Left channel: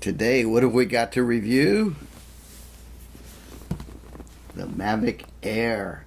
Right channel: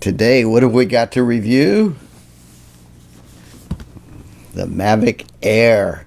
Today, what have we got to review? The Mavic Air.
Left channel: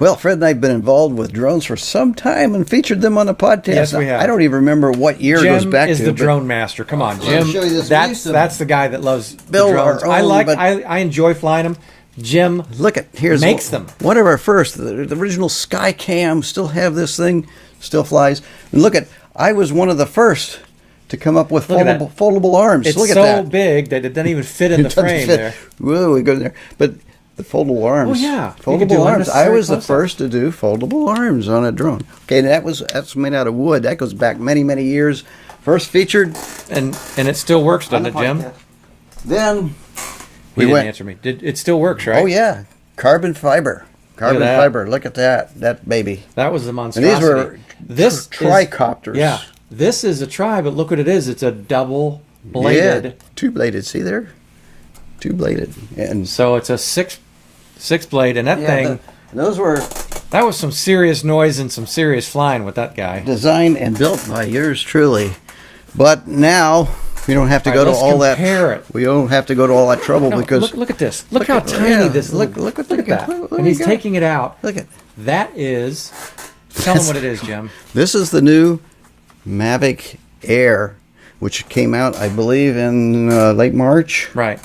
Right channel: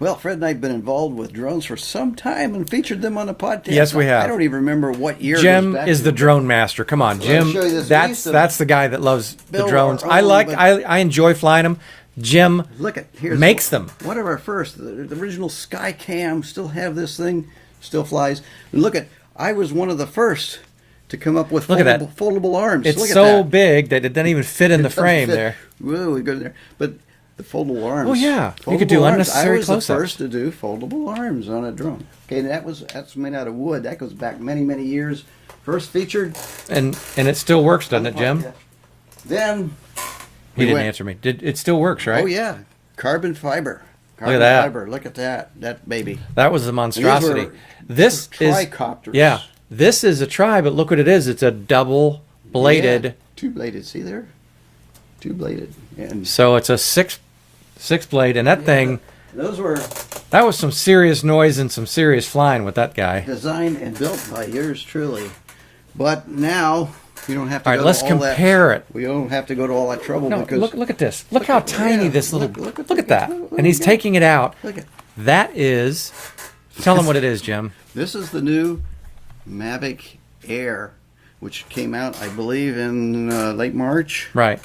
Well, Fred and I have been involved with drones for some time and featured them on the podcast. Yes, we have. I don't even remember what year it goes back to. Jim is the drone master. Come on, Jim. That's the guy that loves the drones. I enjoy flying them. Jim makes them. One of our first, the original Skycam, still have this thing, still flies. And look at, I was one of the first to come up with foldable arms. It's so big that it doesn't even fit in the frame there. Whoa, we go there. But the foldable arms. Oh yeah, foldable arms. I was the first to do foldable arms on a drone. Okay, that's made out of wood. That goes back many years. First featured, and it still works, doesn't it, Jim? Then he didn't answer me. It still works, right? Oh yeah, carbon fiber. Fiber. Look at that baby. That was a monstrosity. And these were tricopters. Yeah, this is a tri, but look what it is. It's a double bladed. Yeah, two bladed. See there, two bladed, and so it's a six blade, and that thing. That was some serious noise and some serious flying with that guy. Designed and built by yours truly, but now we don't have to go to all that. We don't have to go to all that trouble because look at this. Look how tiny this little. Look at that. And he's taking it out. Look at that is. Tell him what it is, Jim. This is the new Mavic Air, which came out, I believe, in late March. Right.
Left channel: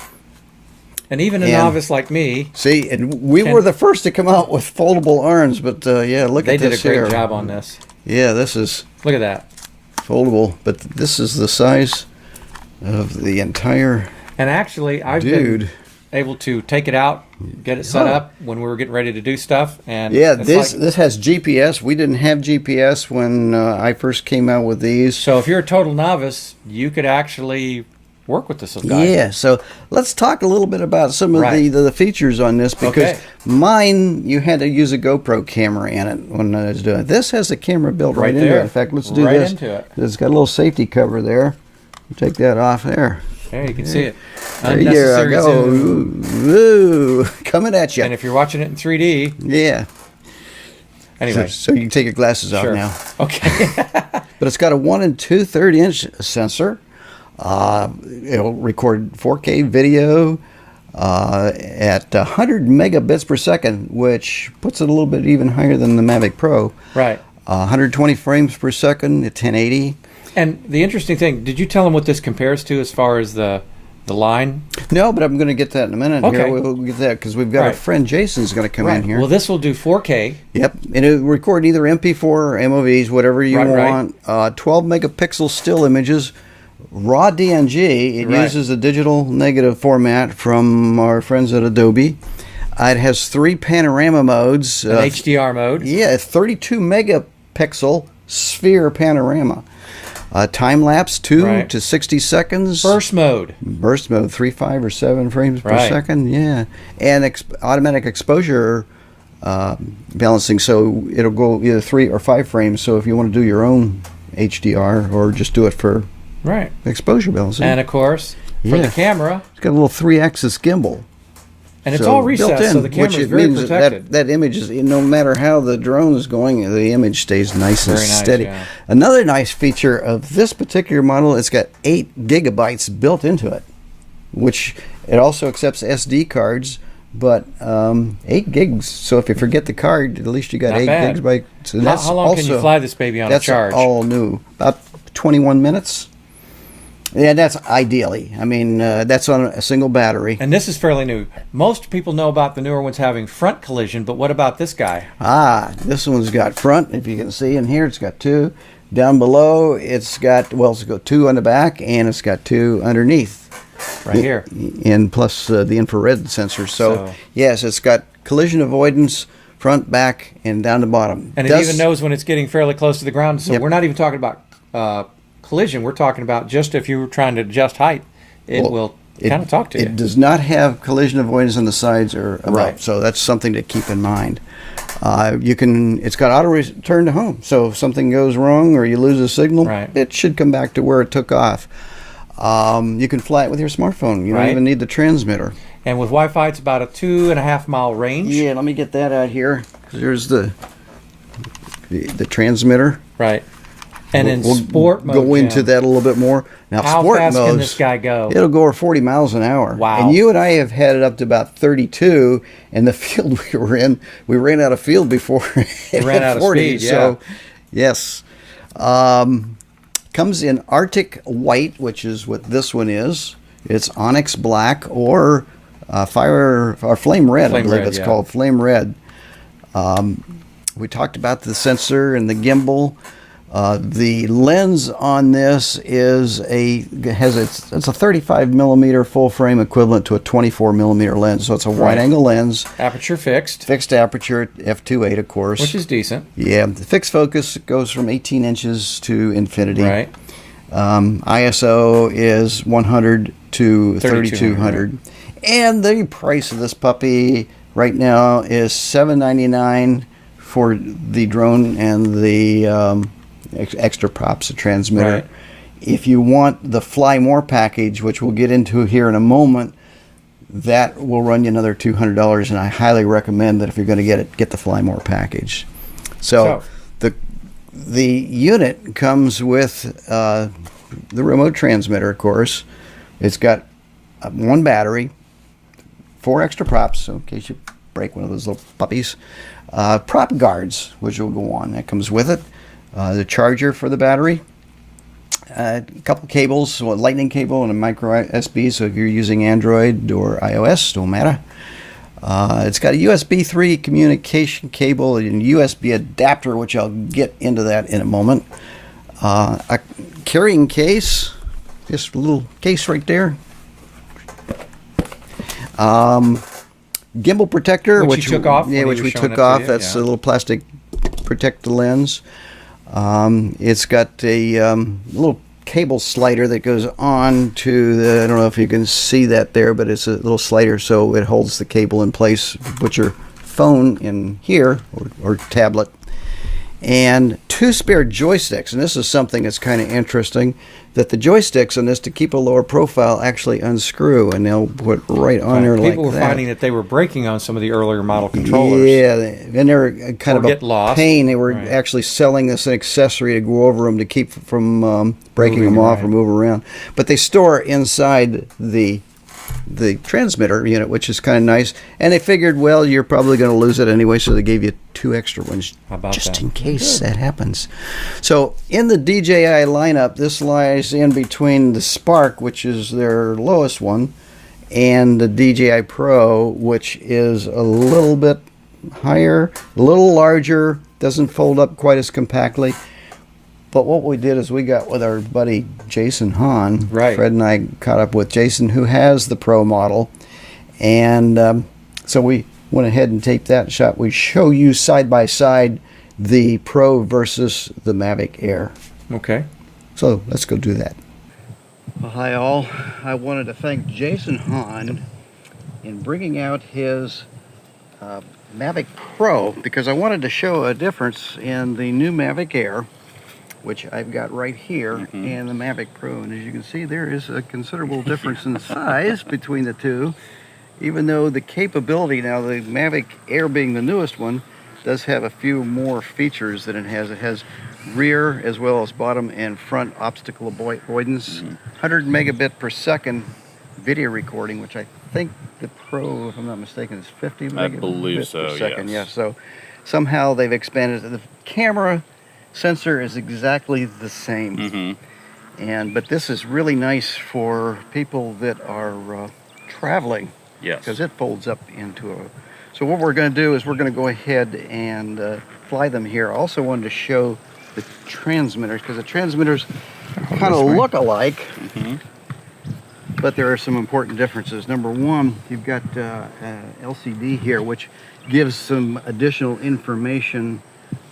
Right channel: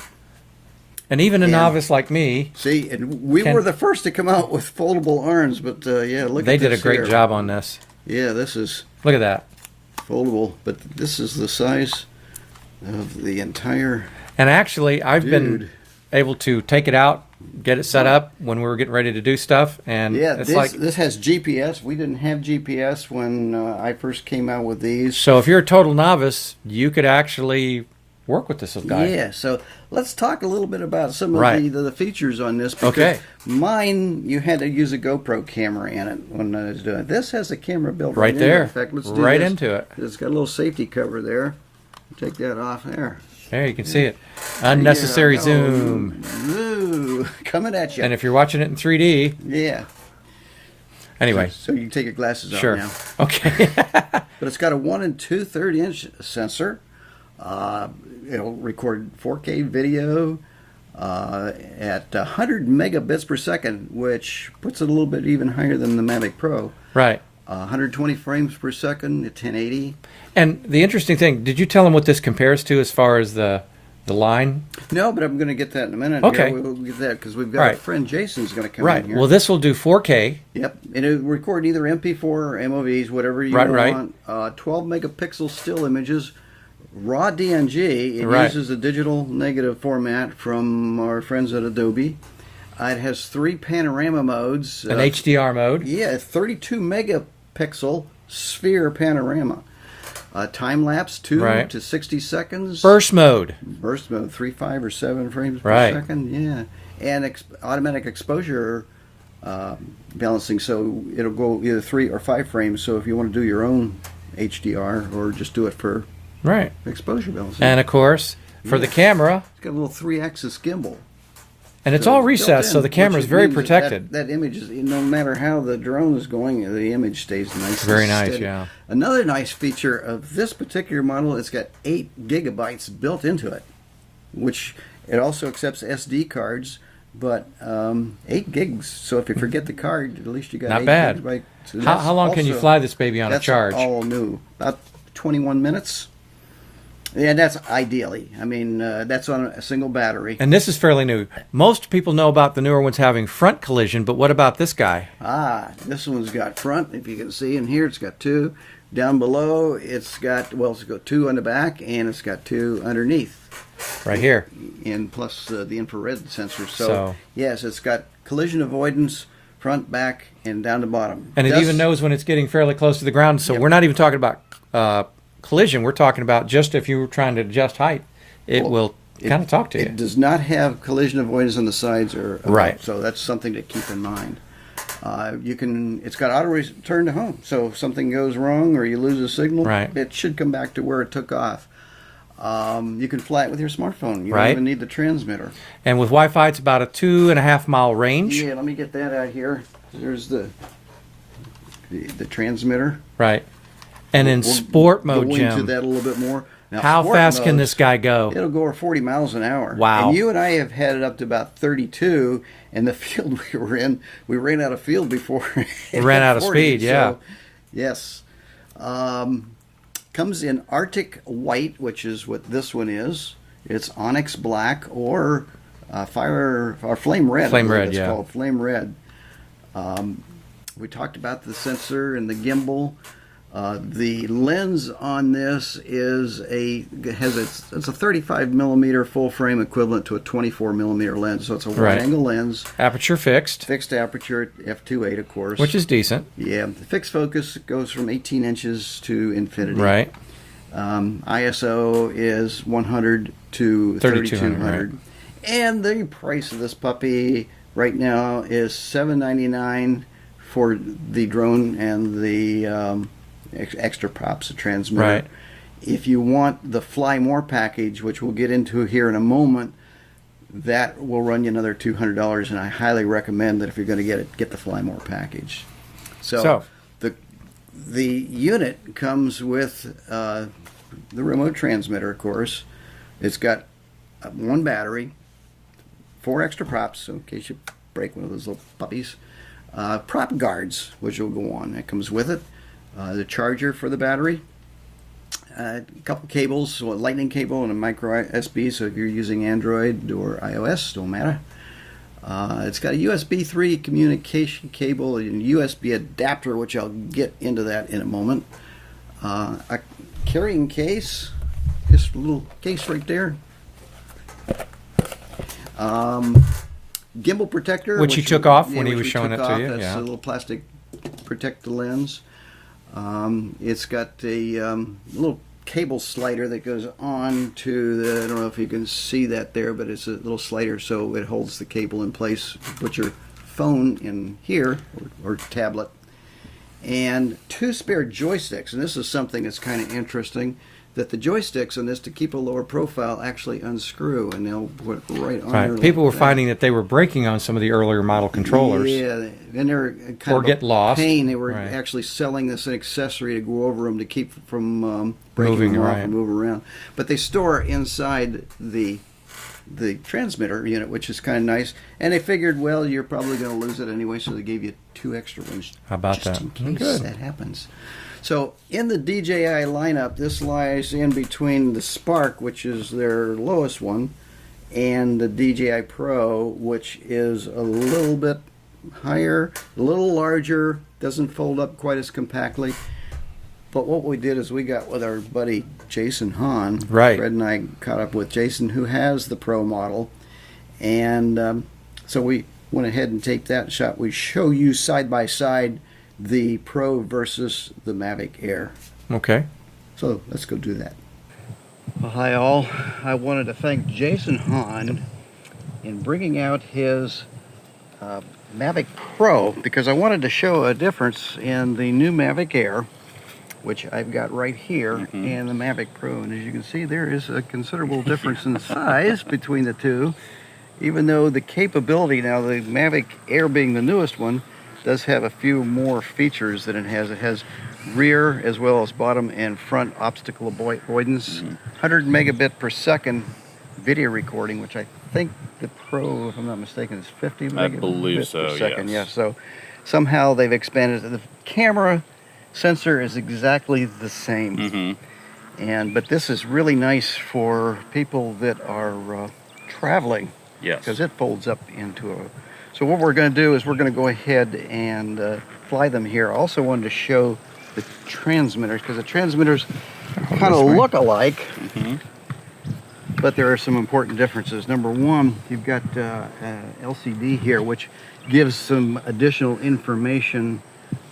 And even a novice like me. See, and we were the first to come out with foldable arms, but yeah, look at this. They did a great job on this. Yeah, this is. Look at that. Foldable, but this is the size of the entire. And actually, I've been able to take it out, get it set up when we were getting ready to do stuff. And yeah, this has GPS. We didn't have GPS when I first came out with these. So if you're a total novice, you could actually work with this little guy. Yeah, so let's talk a little bit about some of the features on this, because mine, you had to use a GoPro camera in it when I was doing it. This has a camera built right in there. In fact, let's do this. Into it. It's got a little safety cover there. Take that off there. There, you can see it. Unnecessary zoom. Ooh, coming at you. And if you're watching it in 3D. Yeah. Anyway. So you can take your glasses off now. Okay. But it's got a 1 2/3 inch sensor. It'll record 4K video at 100 megabits per second, which puts it a little bit even higher than the Mavic Pro. Right. 120 frames per second at 1080. And the interesting thing, did you tell them what this compares to as far as the line? No, but I'm going to get that in a minute. Okay. Here. We'll get that because we've got our friend Jason's going to come in here. Well, this will do 4K. Yep, and it'll record either MP4 or MOVs, whatever you want. 12 megapixel still images. Raw DNG. It uses a digital negative format from our friends at Adobe. It has 3 panorama modes. An HDR mode. Yeah, 32 megapixel sphere panorama. Time lapse 2 to 60 seconds. Burst mode. 3, 5, or 7 frames per second. Yeah, and automatic exposure balancing. So it'll go either 3 or 5 frames. So if you want to do your own HDR or just do it for exposure balancing. And of course, for the camera, it's got a little 3-axis gimbal. And it's all recessed, so the camera is very protected. That image is, no matter how the drone is going, the image stays nice and steady. Yeah. Another nice feature of this particular model, it's got 8 gigabytes built into it, which it also accepts SD cards, but 8 gigs. So if you forget the card, at least you got 8 gigabytes. So how long can you fly this baby on a charge? That's all new. About 21 minutes. Yeah, that's ideally. I mean, that's on a single battery. And this is fairly new. Most people know about the newer ones having front collision, but what about this guy? This one's got front. If you can see in here, it's got 2. Down below, it's got 2 on the back, and it's got 2 underneath. Right here. And plus the infrared sensor. So, yes, it's got collision avoidance, front, back, and down the bottom. And it even knows when it's getting fairly close to the ground. So we're not even talking about collision. We're talking about just if you were trying to adjust height, it will kind of talk to you. It does not have collision avoidance on the sides or above, so that's something to keep in mind. It's got auto return to home. So if something goes wrong or you lose a signal, it should come back to where it took off. You can fly it with your smartphone. You don't even need the transmitter. And with Wi-Fi, it's about a 2.5 mile range. Yeah, let me get that out here. There's the transmitter. Right. And in sport mode, go into that a little bit more. Now, how sport fast modes, can this guy go? It'll go over 40 miles an hour. Wow. And you and I have had it up to about 32. In the field we were in, we ran out of field before it ran out 40, of speed. So, yes. Comes in Arctic White, which is what this one is. It's Onyx Black or Fire or Flame Red. Flame Red, it's called Flame Red. We talked about the sensor and the gimbal. The lens on this it's a 35 millimeter full frame equivalent to a 24 millimeter lens. So it's a wide angle lens. Aperture fixed. Fixed aperture, f2.8 of course. Which is decent. Yeah. The fixed focus goes from 18 inches to infinity. Right. ISO is 100 to 3200. And the price of this puppy right now is $7.99 for the drone and the extra props, the transmitter. Right. If you want the Fly More package, which we'll get into here in a moment, that will run you another $200, and I highly recommend that if you're going to get the Fly More package. So the unit comes with the remote transmitter, of course. It's got one battery, 4 extra props, so in case you break one of those little puppies. Prop guards, which will go on. That comes with it. The charger for the battery, a couple cables, a lightning cable and a micro USB, so if you're using Android or iOS, don't matter. It's got a USB 3 communication cable and USB adapter, which I'll get into that in a moment. A carrying case, just a little case right there. Gimbal protector, which you took off. Yeah, which we took off. That's a little plastic protect the lens. It's got a little cable slider that goes on to the, I don't know if you can see that there, but it's a little slider so it holds the cable in place. Put your phone in here or tablet. And 2 spare joysticks, and this is something that's kind of interesting, that the joysticks on this, to keep a lower profile, actually unscrew, and they'll put right on there like that. People were finding that they were breaking on some of the earlier model controllers. Yeah, and they were kind of a pain. They were actually selling this an accessory to go over them to keep from breaking them off or move around. But they store inside the transmitter unit, which is kind of nice. And they figured, well, you're probably going to lose it anyway, so they gave you 2 extra ones just in case that happens. So in the DJI lineup, this lies in between the Spark, which is their lowest one, and the DJI Pro, which is a little bit higher, a little larger, doesn't fold up quite as compactly. But what we did is we got with our buddy Jason Hahn. Fred and I caught up with Jason, who has the Pro model. And so we went ahead and taped that shot. We show you side by side the Pro versus the Mavic Air. Okay. So let's go do that. Well, hi all. I wanted to thank Jason Hahn in bringing out his Mavic Pro because I wanted to show a difference in the new Mavic Air, which I've got right here, and the Mavic Pro. And as you can see, there is a considerable difference in size between the two, even though the capability, now the Mavic Air being the newest one, does have a few more features than it has. It has rear as well as bottom and front obstacle avoidance, 100 megabit per second video recording, which I think the Pro, if I'm not mistaken, is 50 megabits per second. Yes. Yeah, so somehow they've expanded it. The camera sensor is exactly the same, but this is really nice for people that are traveling, because it folds up into a. So what we're going to do is we're going to go ahead and fly them here. I also wanted to show the transmitters because the transmitters kind of look alike, but there are some important differences. Number one, you've got LCD here, which gives some additional information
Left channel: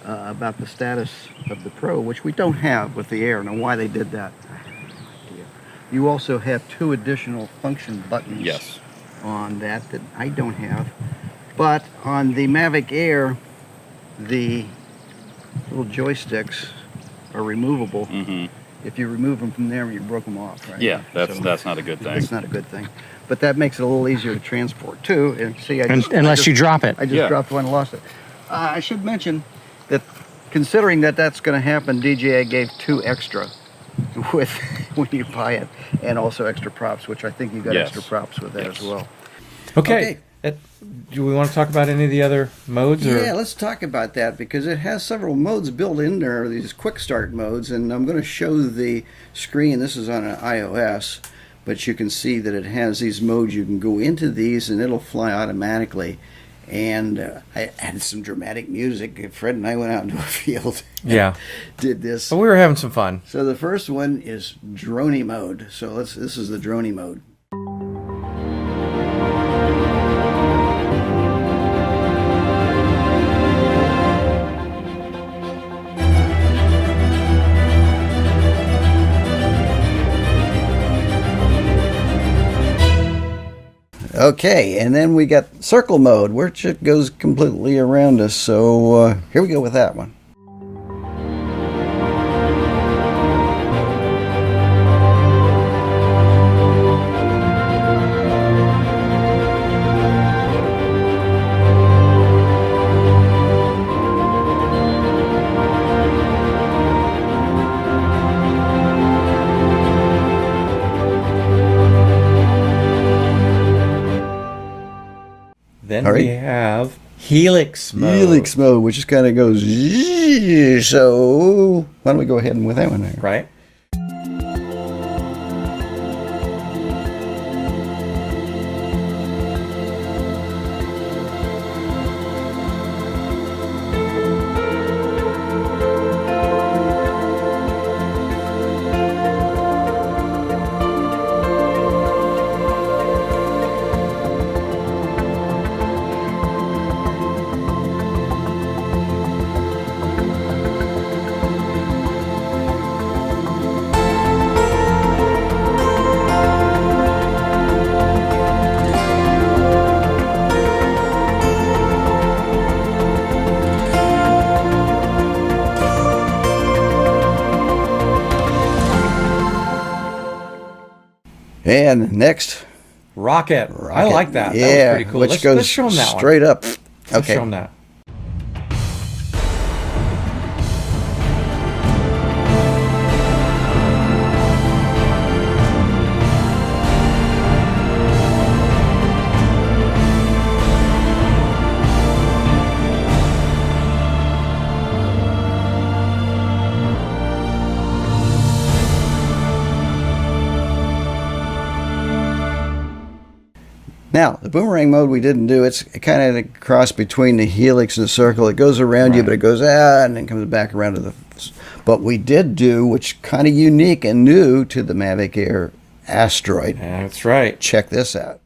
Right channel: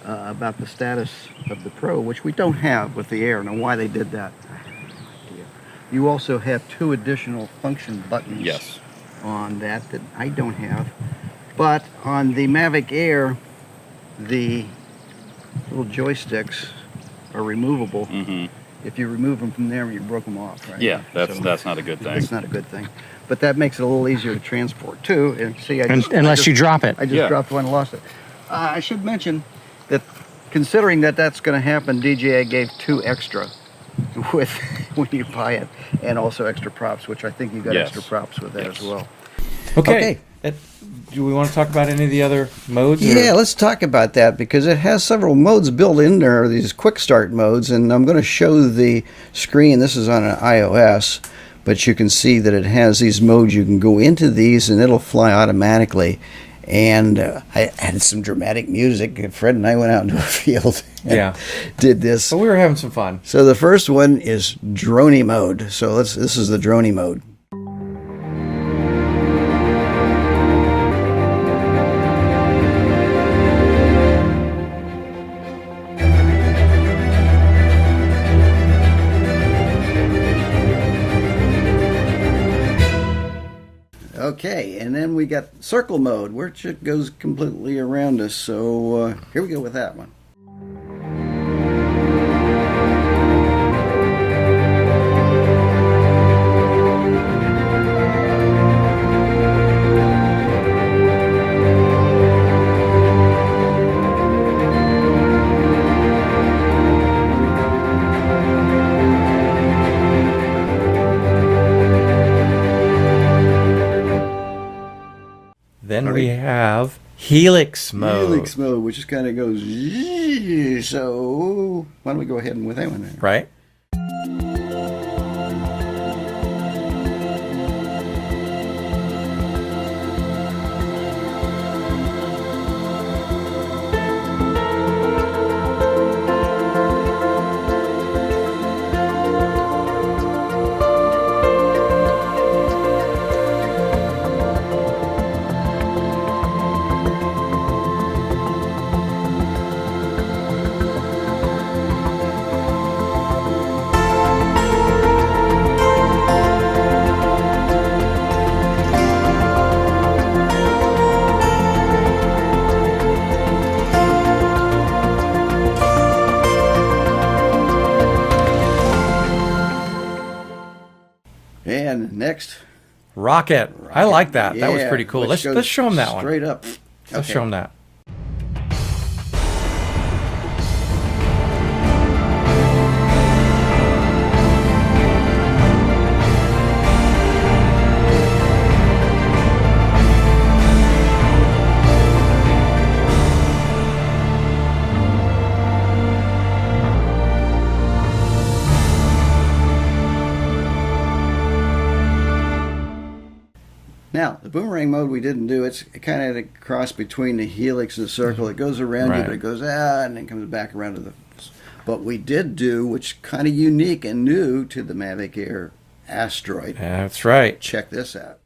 about the status of the Pro, which we don't have with the Air. Now, why they did that? You also have 2 additional function buttons on that I don't have. But on the Mavic Air, the little joysticks are removable. If you remove them from there, you broke them off, right? Yeah, that's not a good thing. That's not a good thing. But that makes it a little easier to transport too. And see, Unless you drop it. I just dropped one and lost it. I should mention that considering that that's going to happen, DJI gave 2 extra with when you buy it, and also extra props, which I think you got extra props with that as well. Okay. Do we want to talk about any of the other modes? Yeah, let's talk about that because it has several modes built in there, these quick start modes, and I'm going to show the screen. This is on an iOS, but you can see that it has these modes. You can go into these and it'll fly automatically. And I had some dramatic music. Fred and I went out into a field and did this. But we were having some fun. So the first one is Dronie mode. So this is the Dronie mode. Okay, and then we got circle mode, which it goes completely around us. So here we go with that one. Then we have Helix mode. Helix mode, which just kind of goes. So why don't we go ahead and with that one there? Right. And next, Rocket. I like that. Yeah, that was pretty cool. Let's show them that straight one. up. Let's show them that. Now, the boomerang mode we didn't do. It's kind of a cross between the Helix and the circle. It goes around you, but it goes out and then comes back around to the... But we did do, which kind of unique and new to the Mavic Air, Asteroid. Yeah, that's right. Check this out.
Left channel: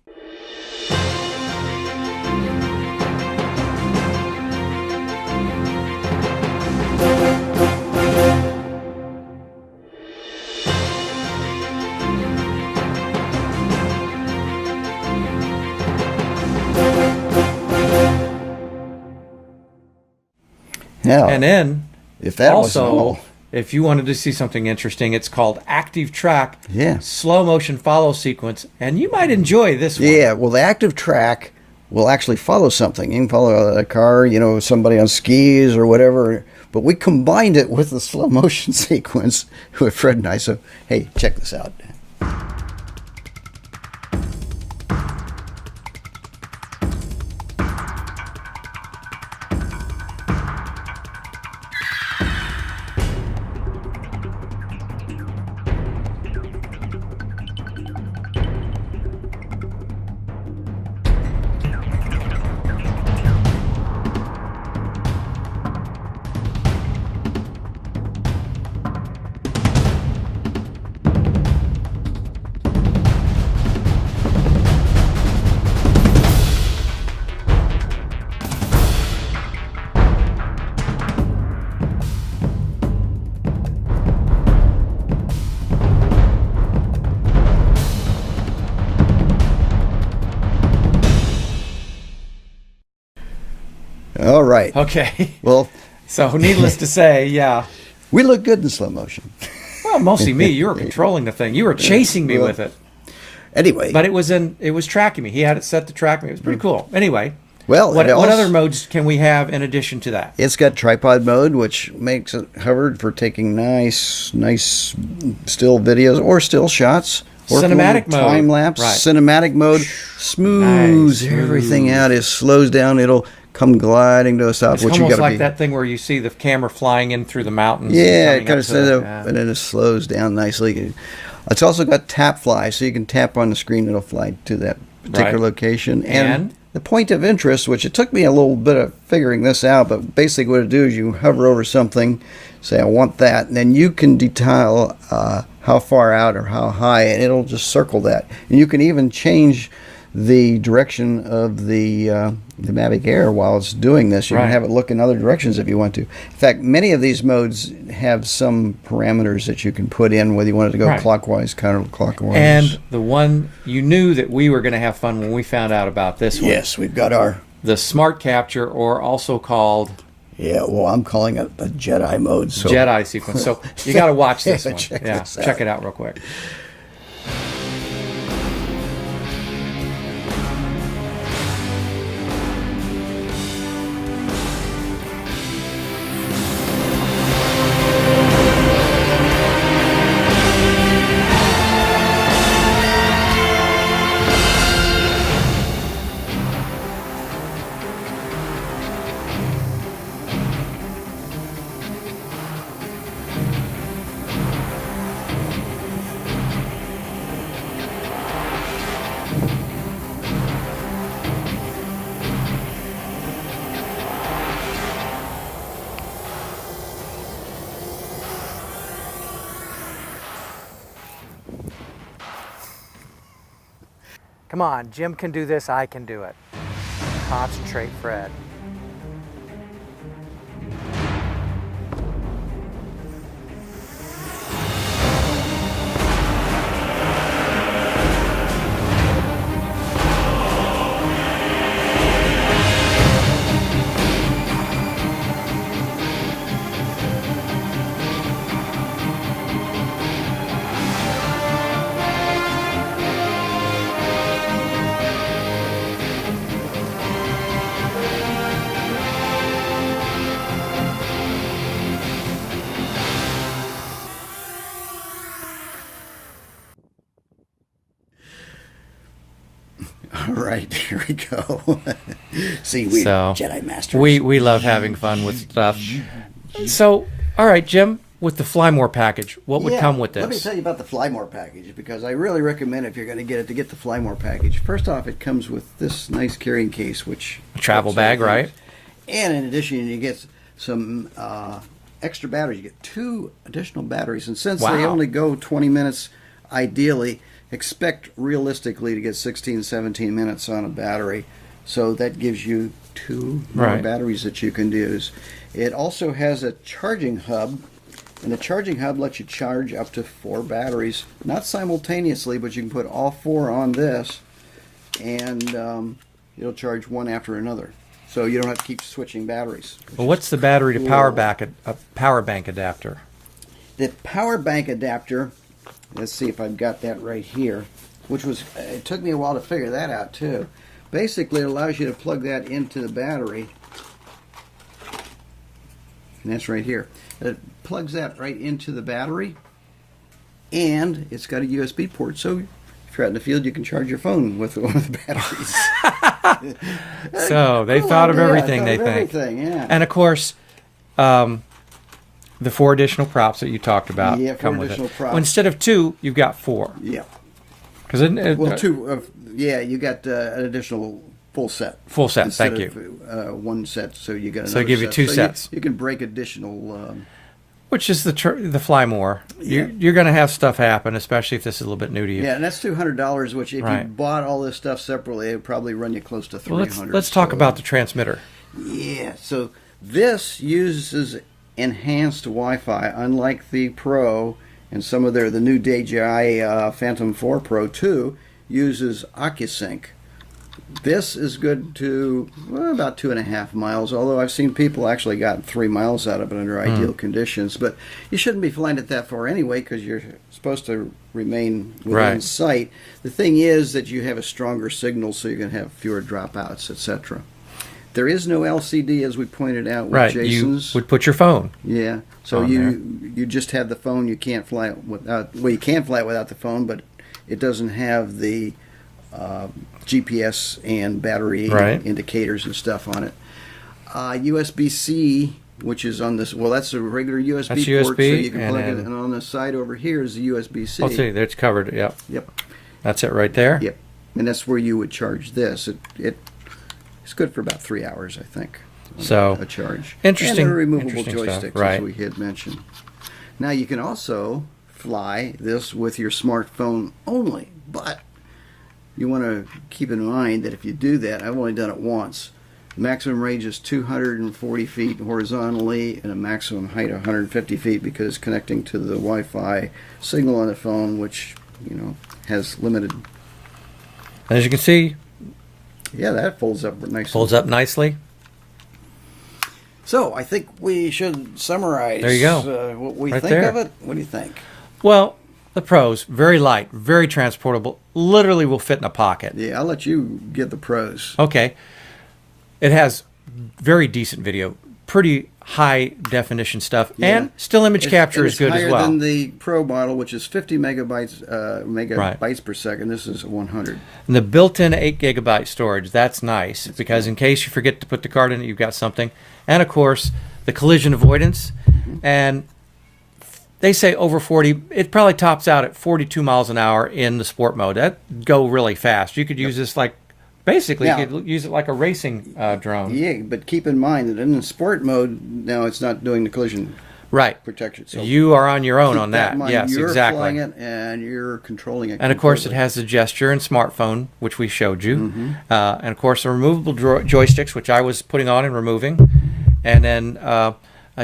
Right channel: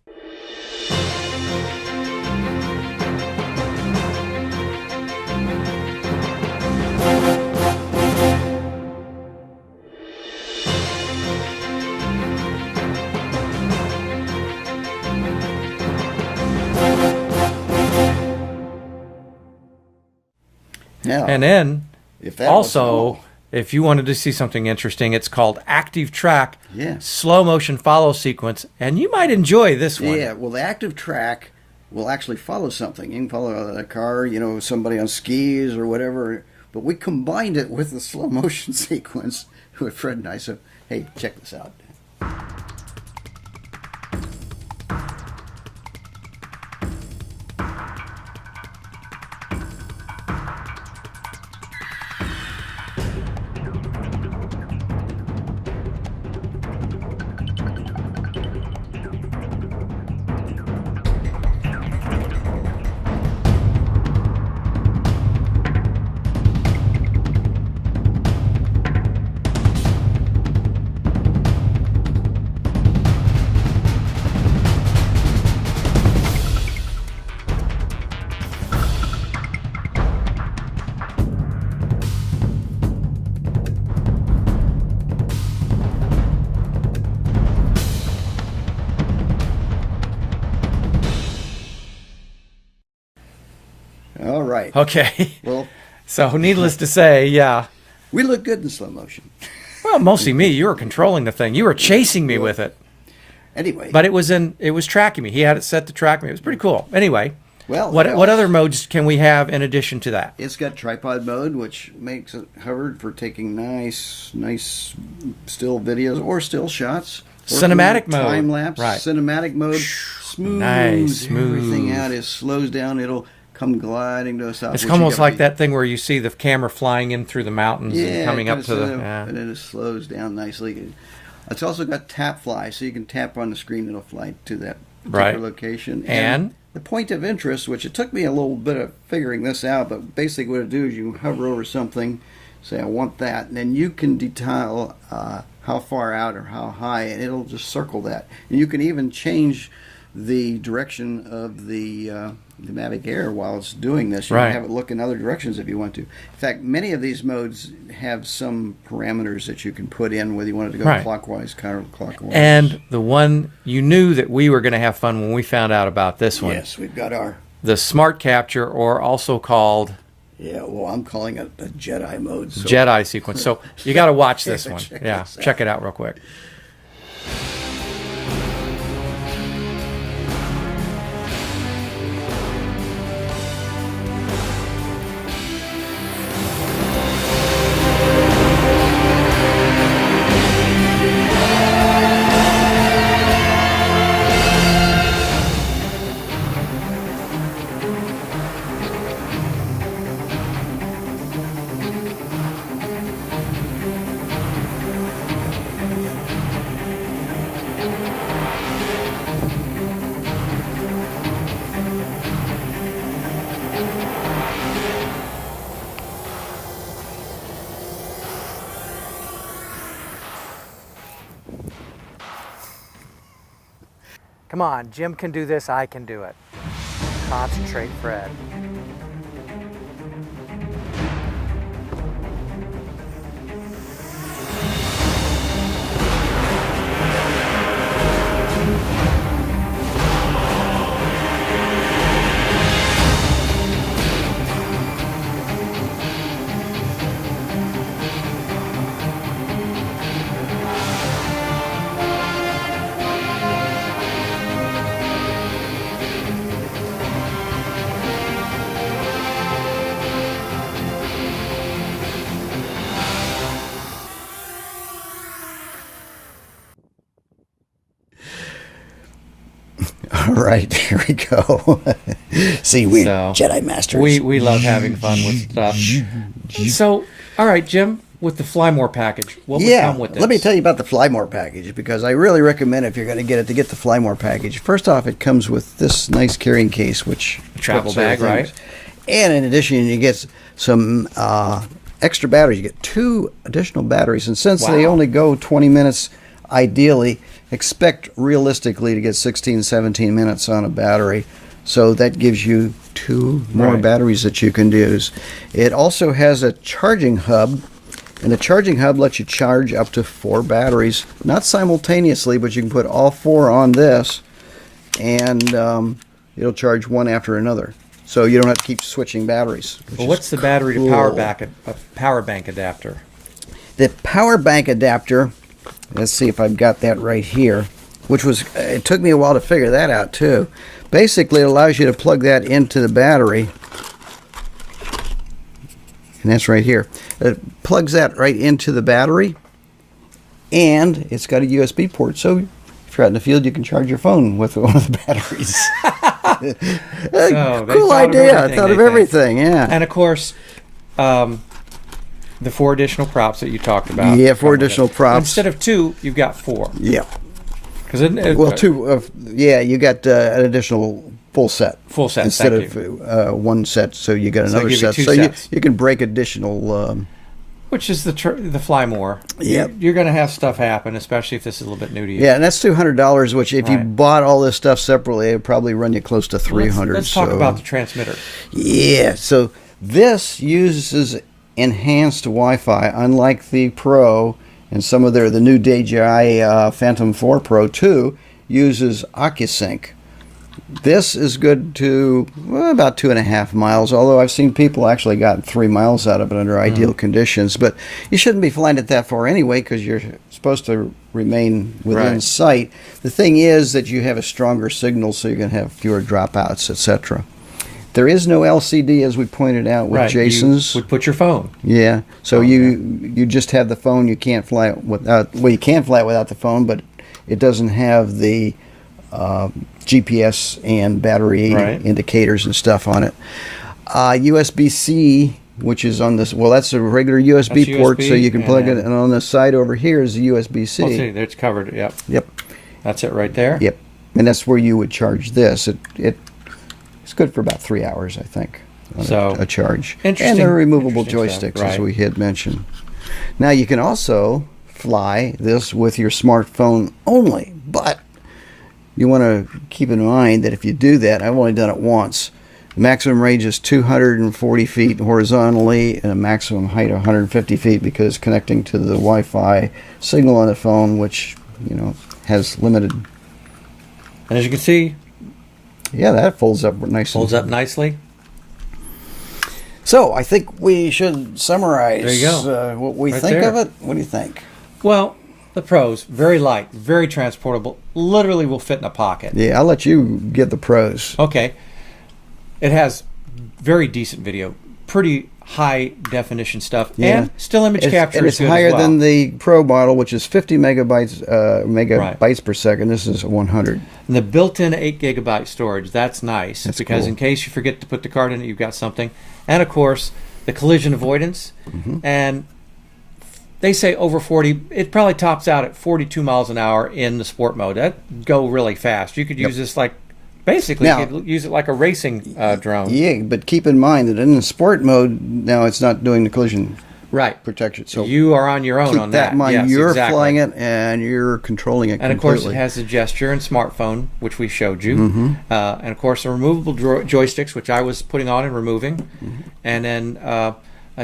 Now, And then, if that also, if you wanted to see something interesting, it's called Active Track, slow motion follow sequence, and you might enjoy this one. Yeah, well, the active track will actually follow something. You can follow a car, somebody on skis or whatever. But we combined it with the slow motion sequence with Fred and I. So, hey, check this out. right. Okay. Well, so needless to say, yeah. We look good in slow motion. Well, mostly me. You were controlling the thing. You were chasing me with it. Anyway. But it was tracking me. He had it set to track me. It was pretty cool. Anyway. Well, what other modes can we have in addition to that? It's got tripod mode, which makes it hovered for taking nice still videos or still shots. Cinematic mode. Time lapse. Right. Cinematic mode. Smooths everything out. It slows down. It'll come gliding to a stop. It's almost like that thing where you see the camera flying in through the mountains. Yeah, and it kind of says and then it slows down nicely. It's also got tap fly, so you can tap on the screen. It'll fly to that particular location. And the point of interest, which it took me a little bit of figuring this out, but basically what it do is you hover over something, say I want that, and then you can detail how far out or how high, and it'll just circle that. And you can even change the direction of the Mavic Air while it's doing this. You can have it look in other directions if you want to. In fact, many of these modes have some parameters that you can put in, whether you want it to go clockwise, counterclockwise. And the one you knew that we were going to have fun when we found out about this one. Yes, we've got the Smart Capture, or also called... Yeah, well, I'm calling it the Jedi mode. So. Jedi sequence. So you got to watch this one. Check it out real quick. Come on, Jim can do this, I can do it. Concentrate, Fred. All right, here we go. See, we Jedi Masters. We love having fun with stuff. So, all right, Jim, with the Fly More package, what would come with this? Let me tell you about the Fly More package, because I really recommend, if you're going to get the Fly More package. First off, it comes with this nice carrying case, which travel bag, right? And in addition, you get some extra batteries. You get 2 additional batteries, and since they only go 20 minutes, ideally, expect realistically to get 16, 17 minutes on a battery. So that gives you 2 more batteries that you can use. It also has a charging hub, and the charging hub lets you charge up to 4 batteries, not simultaneously, but you can put all 4 on this, and it'll charge one after another. So you don't have to keep switching batteries. Well, what's the battery to power bank adapter? The power bank adapter, let's see if I've got that right here, it took me a while to figure that out too. Basically, it allows you to plug that into the battery, and that's right here. It plugs that right into the battery, and it's got a USB port, so if you're out in the field, you can charge your phone with one of the batteries. So they cool thought idea. of Thought of everything, yeah. And of course, the 4 additional props that you talked about. Yeah, 4 additional props. Instead of 2, you've got 4. Yeah. Well, 2. You got an additional full set. Full set. Instead thank of one set, so you got another set. You 2 so sets. You can break additional. Which is the Fly More. Yeah, you're going to have stuff happen, especially if this is a little bit new to you. Yeah, and that's $200. Which, if you bought all this stuff separately, it would probably run you close to $300. Let's talk about the transmitter. Yeah, so this uses enhanced Wi-Fi, unlike the Pro and some of the new DJI Phantom 4 Pro 2 uses OcuSync. This is good to about 2.5 miles, although I've seen people actually got 3 miles out of it under ideal conditions. But you shouldn't be flying it that far anyway because you're supposed to remain within sight. The thing is that you have a stronger signal, so you're going to have fewer dropouts, etc. There is no LCD, as we pointed out with Jason's. You would put your phone. Yeah, so you just have the phone. You can't fly it without. Well, you can fly it without the phone, but it doesn't have the GPS and battery indicators and stuff on it. USB-C, which is on this. Well, that's a regular USB port, so you can plug it. And on the side over here is the USB-C. Let's see, it's covered. Yep. Yep. That's it right there. Yep. And that's where you would charge this. It's good for about 3 hours, I think. So a charge. Interesting. And they're removable joysticks, as we had mentioned. Now you can also fly this with your smartphone only, but you want to keep in mind that if you do that, I've only done it once. The maximum range is 240 feet horizontally and a maximum height of 150 feet because connecting to the Wi-Fi signal on the phone, which has limited. And as you can see, yeah, that folds up nicely. Folds up nicely. So I think we should summarize. There you go. What we think of it. What do you think? Well, the pros, very light, very transportable, literally will fit in a pocket. Yeah, I'll let you get the pros. Okay. It has very decent video, pretty high definition stuff, and still image capture is good as well. It's higher than the Pro model, which is 50 megabytes per second. This is 100. And the built-in 8 gigabyte storage, that's nice. That's because in case you forget to put the card in it, you've got something. And of course, the collision avoidance. And they say over 40, it probably tops out at 42 miles an hour in the sport mode. That'd go really fast. You could use this like, basically, you could use it like a racing drone. Yeah, but keep in mind that in the sport mode, now it's not doing the collision protection. So you are on your own on that. Keep that in mind. Yes, you're flying it and you're controlling it And of course, it has the gesture and smartphone, which we showed you. And of course, the removable joysticks, which I was putting on and removing. And then a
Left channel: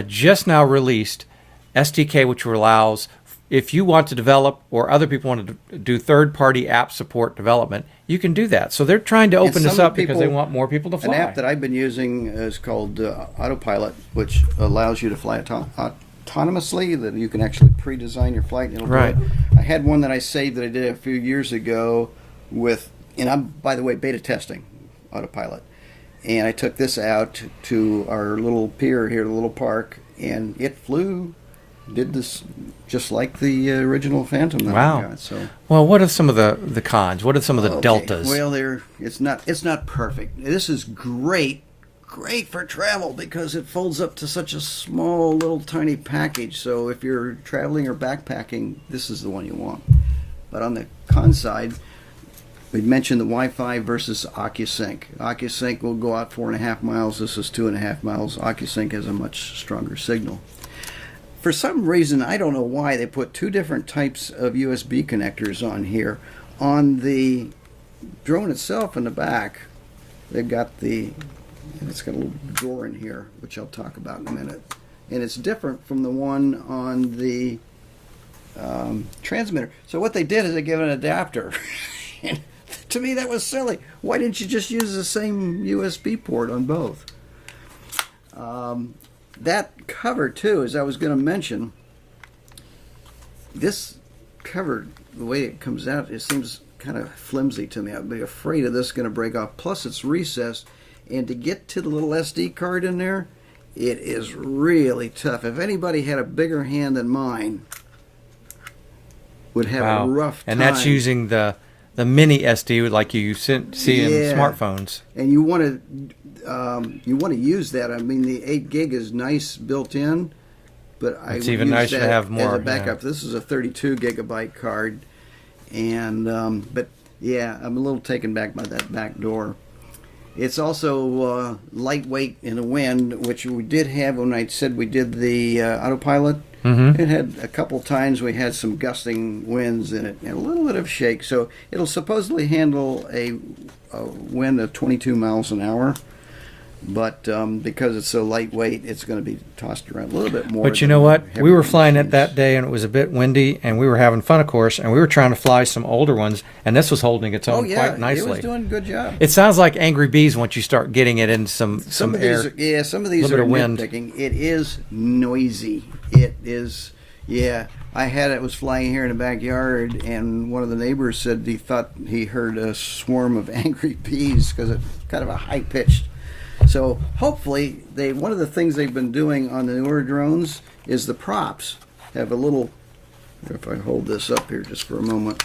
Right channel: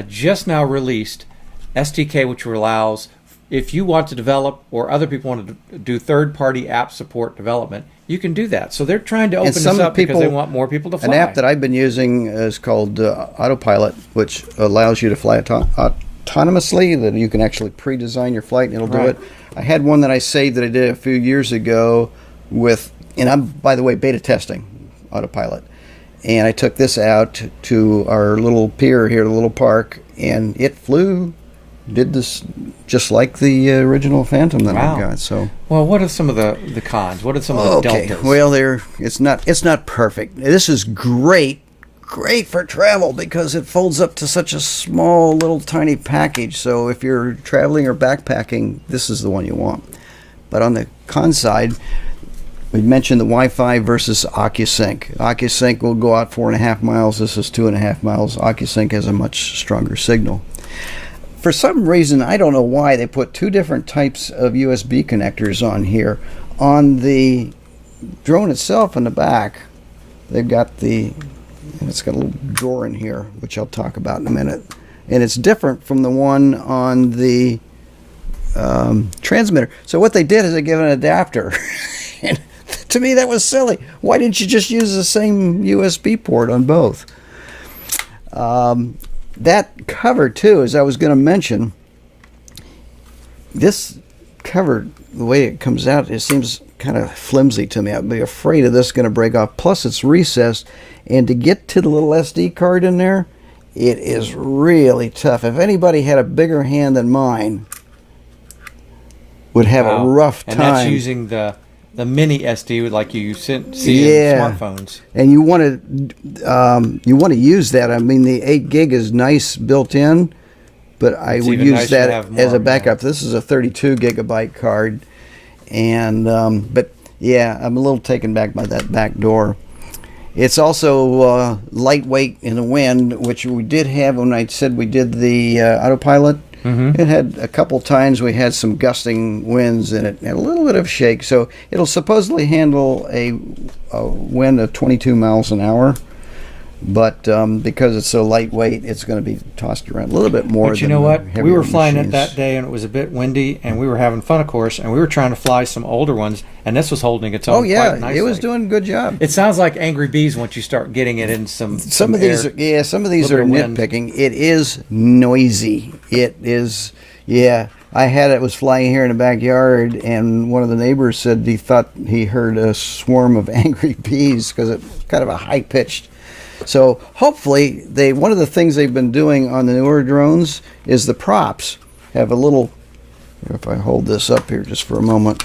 just now released SDK, which allows, if you want to develop or other people want to do third-party app support development, you can do that. So they're trying to open this up because they want more people to fly. An app that I've been using is called Autopilot, which allows you to fly autonomously, that you can actually pre-design your flight and it'll do it. I had one that I saved that I did a few years ago with, and I'm, by the way, beta testing Autopilot. And I took this out to our little pier here, the little park, and it did this just like the original Phantom that I got. So, well, what are some of the cons? What are some of the deltas? Well, it's not perfect. This is great for travel because it folds up to such a small little tiny package. So if you're traveling or backpacking, this is the one you want. But on the con side, we mentioned the Wi-Fi versus OcuSync. OcuSync will go out 4.5 miles. This is 2.5 miles. OcuSync has a much stronger signal. For some reason, I don't know why, they put two different types of USB connectors on here. On the drone itself in the back, they've got and it's got a little drawer in here, which I'll talk about in a minute. And it's different from the one on the transmitter. So what they did is they gave an adapter. And to me, that was silly. Why didn't you just use the same USB port on both? That cover, too, as I was going to mention, this cover, the way it comes out, it seems kind of flimsy to me. I'd be afraid of this going to break off. Plus, it's recessed, and to get to the little SD card in there, it is really tough. If anybody had a bigger hand than mine, would have a rough time. And that's using the mini SD like you see in smartphones. And you want to use that. I mean, the 8 gig is nice built in, but I would use that as a backup. This is a 32 gigabyte card, and but yeah, I'm a little taken back by that back door. It's also lightweight in the wind, which we did have when I said we did the Autopilot. It had a couple times we had some gusting winds in it and a little bit of shake. So it'll supposedly handle a wind of 22 miles an hour. But because it's so lightweight, it's going to be tossed around a little bit more. But you know what? We were flying it machines. that day, and it was a bit windy, and we were having fun, of course, and we were trying to fly some older ones, and this was holding its own quite nicely. It was doing a good job. It sounds like Angry Bees once you start getting it in some of these, air, some of these little are bit of wind. nitpicking. It is noisy. It is, yeah. I had it was flying here in the backyard, and one of the neighbors said he thought he heard a swarm of angry bees because it's kind of a high pitched. So hopefully, one of the things they've been doing on the newer drones is the props have a little. If I hold this up here just for a moment,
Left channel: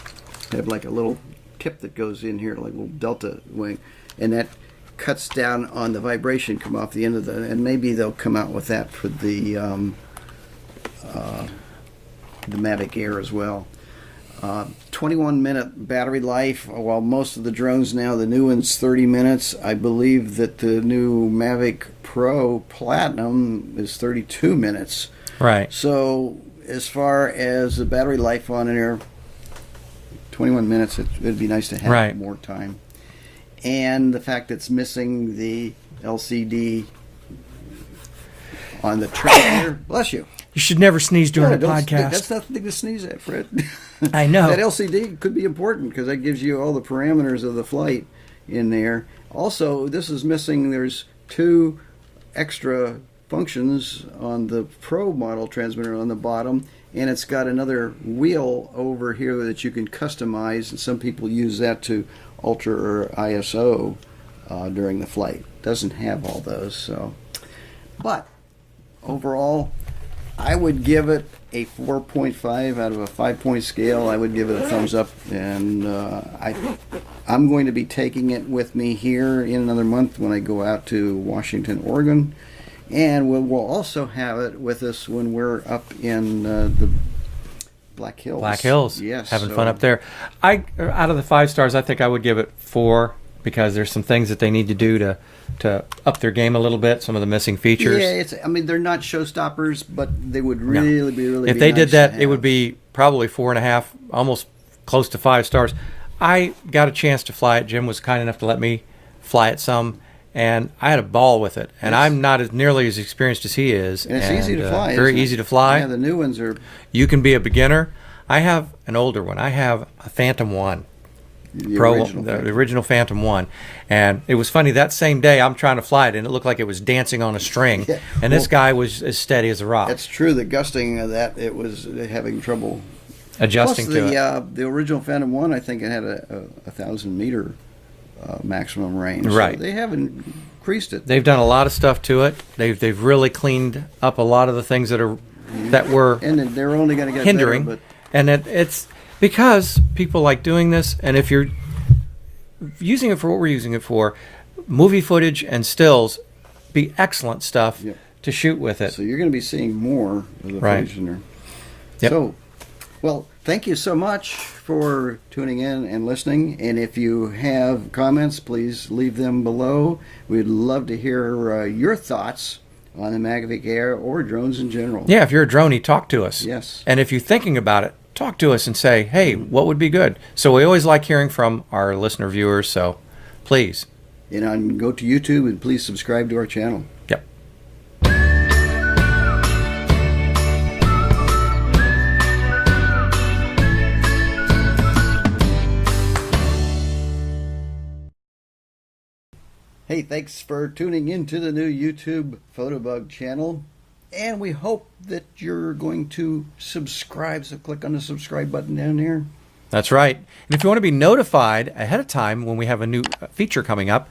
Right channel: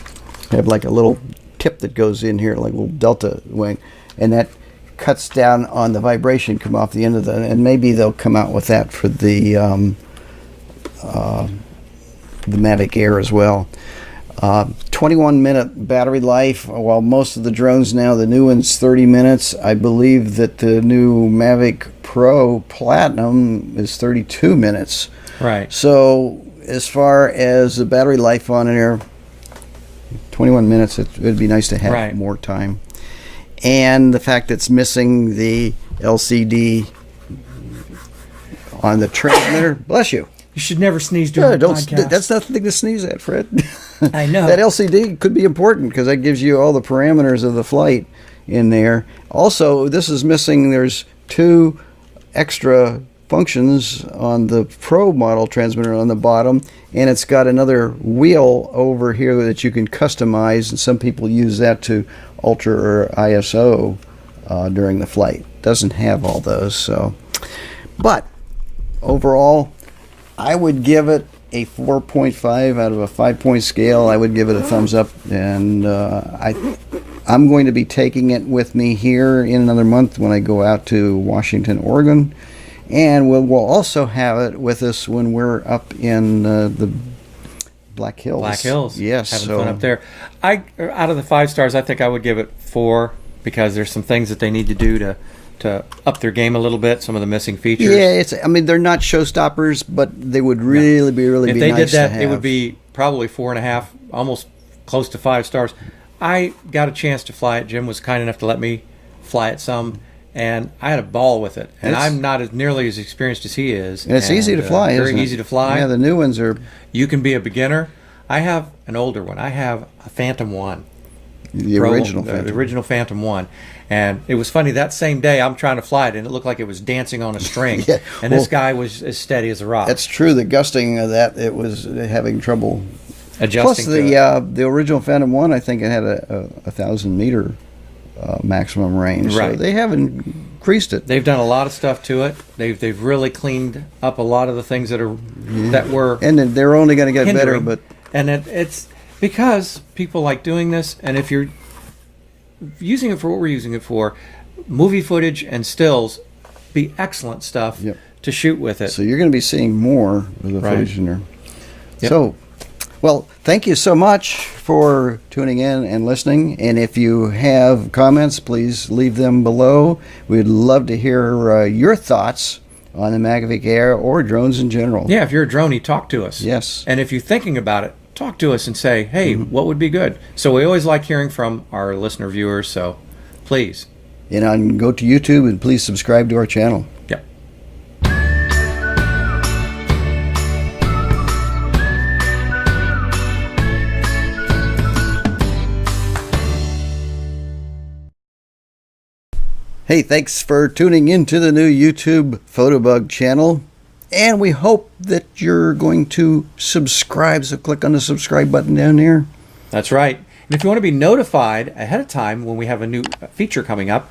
have like a little tip that goes in here, like a little delta wing, and that cuts down on the vibration come off the end of the. And maybe they'll come out with that for the Mavic Air as well. 21-minute battery life, while most of the drones now, the new one's 30 minutes. I believe that the new Mavic Pro Platinum is 32 minutes. Right. So as far as the battery life on there, 21 minutes, it would be nice to have more time. And the fact that it's missing the LCD on the transmitter, bless you. You should never sneeze during a podcast. That's nothing to sneeze at, Fred. I know. That LCD could be important because that gives you all the parameters of the flight in there. Also, this is missing, there's 2 extra functions on the Pro model transmitter on the bottom, and it's got another wheel over here that you can customize, and some people use that to alter or ISO during the flight. Doesn't have all those, so. But overall, I would give it a 4.5 out of a 5-point scale. I would give it a thumbs up, and I'm going to be taking it with me here in another month when I go out to Washington, Oregon, and we'll also have it with us when we're up in the Black Hills. Black Hills, yes, having fun up there. Out of the 5 stars, I think I would give it 4 because there's some things that they need to do to up their game a little bit, some of the missing features. Yeah, I mean, they're not showstoppers, but they would really be if be they nice did that, to have. it would be probably 4.5, almost close to 5 stars. I got a chance to fly it. Jim was kind enough to let me fly it some, and I had a ball with it. And I'm not as nearly as experienced as he is. And it's easy to fly. Very easy to fly. Yeah, the new ones are. You can be a beginner. I have an older one. I have a Phantom 1. The original Phantom 1. And it was funny, that same day I'm trying to fly it, and it looked like it was dancing on a string. Yeah. And this guy was as steady as a rock. That's true. The gusting of that, it was having trouble adjusting Plus, the original Phantom 1, I think it had a 1,000-meter maximum range. Right. So they have increased it. They've done a lot of stuff to it. They've really cleaned up a lot of the things that were and then they're only going to get hindering. better. And it's because people like doing this, and if you're using it for what we're using it for, movie footage and stills, be excellent stuff to shoot with it. So you're going to be seeing more of the footage in there. Yep. So, well, thank you so much for tuning in and listening. And if you have comments, please leave them below. We'd love to hear your thoughts on the Mavic Air or drones in general. Yeah, if you're a Dronie, talk to us. Yes. And if you're thinking about it, talk to us and say, hey, what would be good? So we always like hearing from our listener viewers, so please. And go to YouTube and please subscribe to our channel. Yep. Hey, thanks for tuning into the new YouTube Fotobug channel. And we hope that you're going to subscribe, so click on the subscribe button down there. That's right. And if you want to be notified ahead of time when we have a new feature coming up,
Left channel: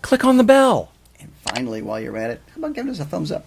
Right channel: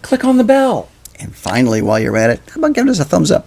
click on the bell. And finally, while you're at it, how about giving us a thumbs up?